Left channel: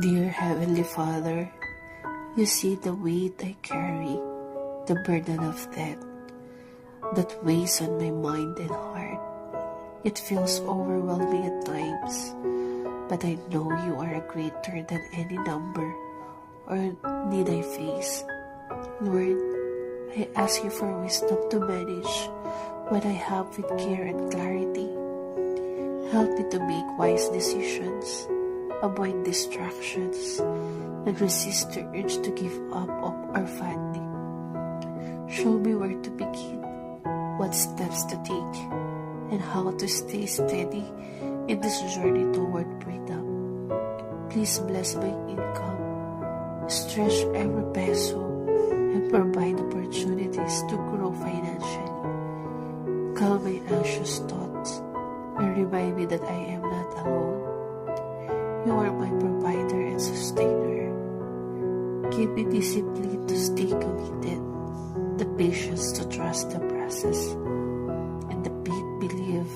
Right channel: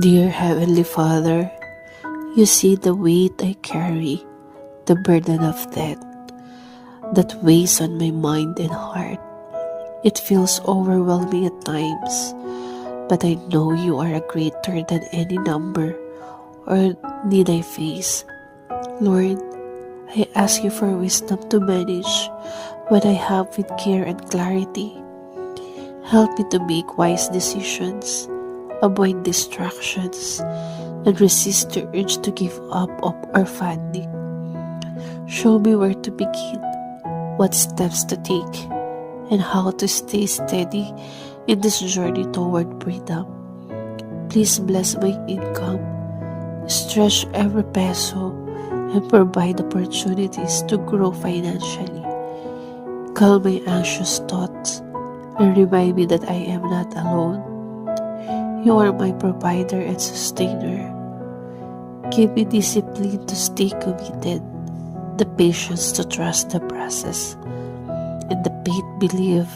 Dear Heavenly Father, you see the weight I carry, the burden of debt that weighs on my mind and heart. It feels overwhelming at times, but I know you are greater than any number or need I face. Lord, I ask you for wisdom to manage what I have with care and clarity. Help me to make wise decisions, avoid distractions, and resist the urge to give up or funding. Show me where to begin, what steps to take, and how to stay steady in this journey toward freedom. Please bless my income, stretch every peso, and provide opportunities to grow financially. Calm my anxious thoughts and remind me that I am not alone. You are my provider and sustainer. Give me discipline to stay committed, the patience to trust the process, and the faith believe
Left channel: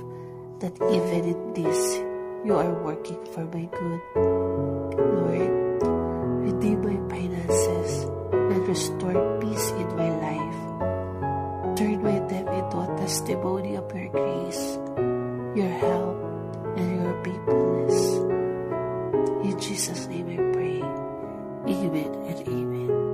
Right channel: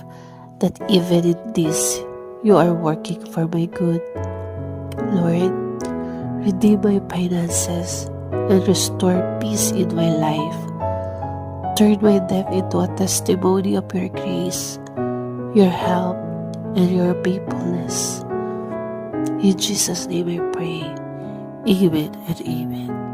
that even in this, you are working for my good. Lord, redeem my finances and restore peace in my life. Turn my debt into a testimony of your grace, your help, and your faithfulness. In Jesus' name I pray. Amen and amen.